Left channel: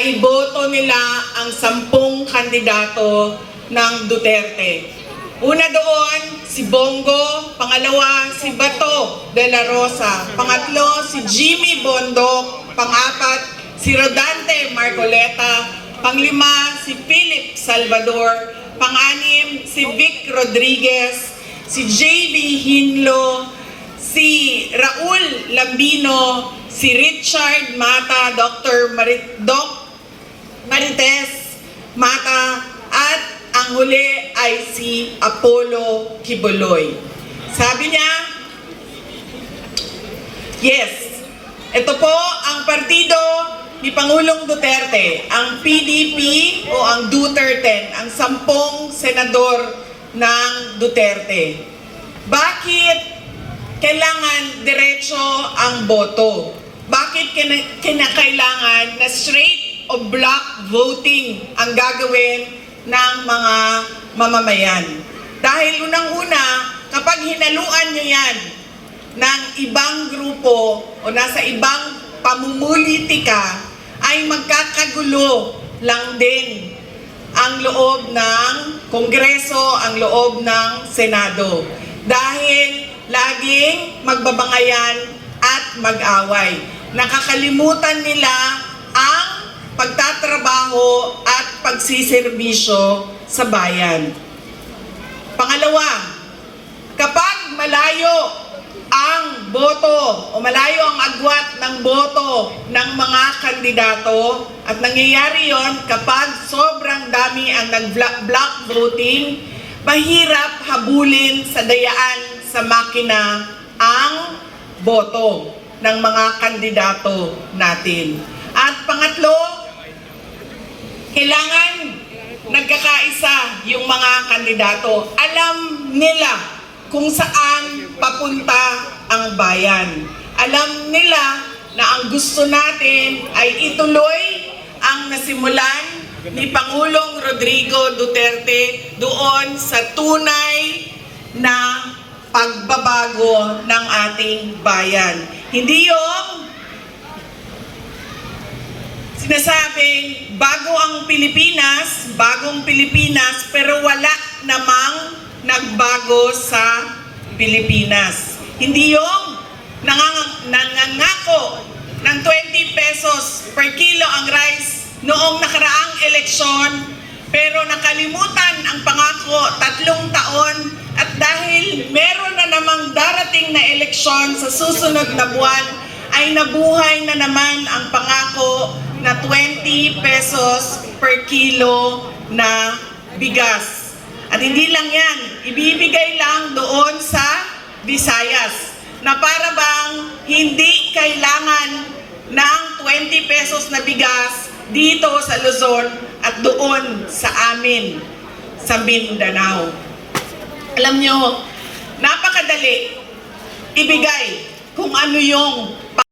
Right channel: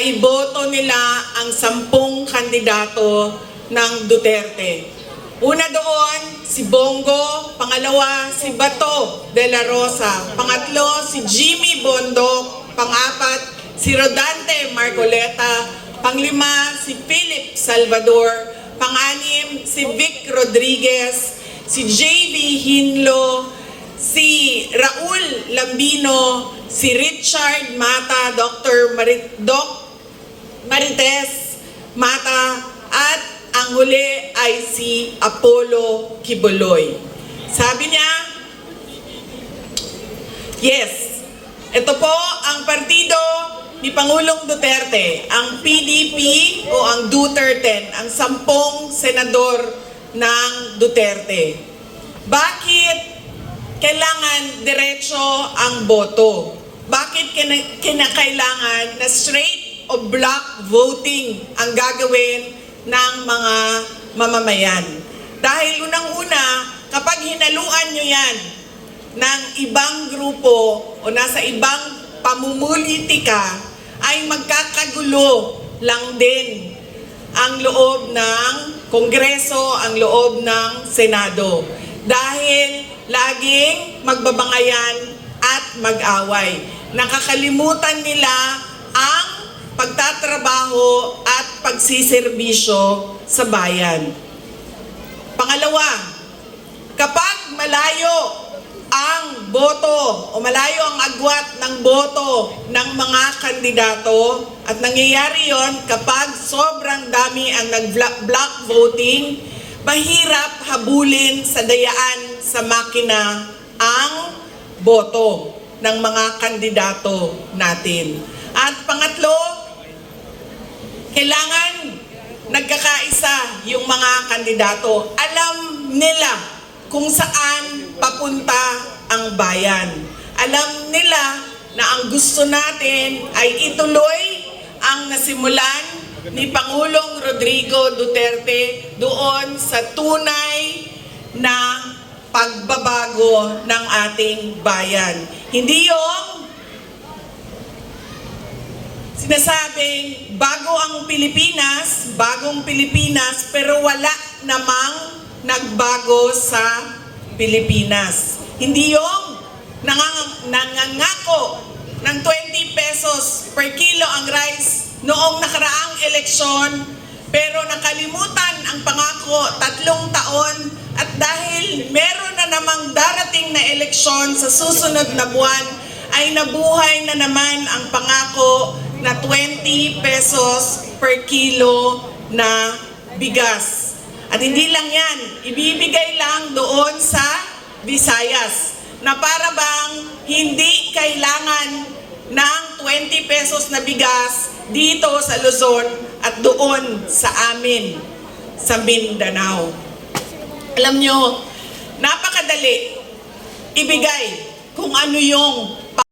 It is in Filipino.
na iboto nila ang 10 kandidato ng Duterte. Una doon, si Bongo. Pangalawa, si Bato de la Rosa. Pangatlo, si Jimmy Bondoc. Pang-apat, si Rodante Marcoleta. Panglima, si Philip Salvador. Pang-anim, si Vic Rodriguez. Si J.V. Hinlo. Si Raul Lambino. Si Richard Mata, Dr. Marites Mata, at ang huli ay si Apollo Kibuloy. Sabi niya, yes, ito po ang partido ni Pangulong Duterte, ang PDP o ang Duterte, ang 10 senador ng Duterte. Bakit kailangan diretso ang boto? Bakit kinakailangan na straight o block voting ang gagawin ng mga mamamayan? Dahil unang-una, kapag hinaluan nyo yan ng ibang grupo o nasa ibang pamumulitika, ay magkakagulo lang din ang loob ng Kongreso, ang loob ng Senado. Dahil laging magbabangayan at mag-away. Nakakalimutan nila ang pagtatrabaho at pagsiservisyo sa bayan. Pangalawa, kapag malayo ang boto o malayo ang agwat ng boto ng mga kandidato, at nangyayari yon kapag sobrang dami ang nag-block voting, mahirap habulin sa dayaan sa makina ang boto ng mga kandidato natin. At pangatlo, kailangan nagkakaisa yung mga kandidato. Alam nila kung saan papunta ang bayan. Alam nila na ang gusto natin ay ituloy ang nasimulan ni Pangulong Rodrigo Duterte doon sa tunay na pagbabago ng ating bayan. Hindi yung sinasabing bago ang Pilipinas, bagong Pilipinas, pero wala namang nagbago sa Pilipinas. Hindi yung nangangako ng 20 pesos per kilo ang rice noong nakaraang eleksyon, pero nakalimutan ang pangako 3 taon, at dahil meron na namang darating na eleksyon sa susunod na buwan, ay nabuhay na naman ang pangako na 20 pesos per kilo na bigas. At hindi lang yan, ibibigay lang doon sa Visayas, na para bang hindi kailangan ng 20 pesos na bigas dito sa Luzon at doon sa amin sa Mindanao. Alam nyo, napakadali ibigay kung ano yung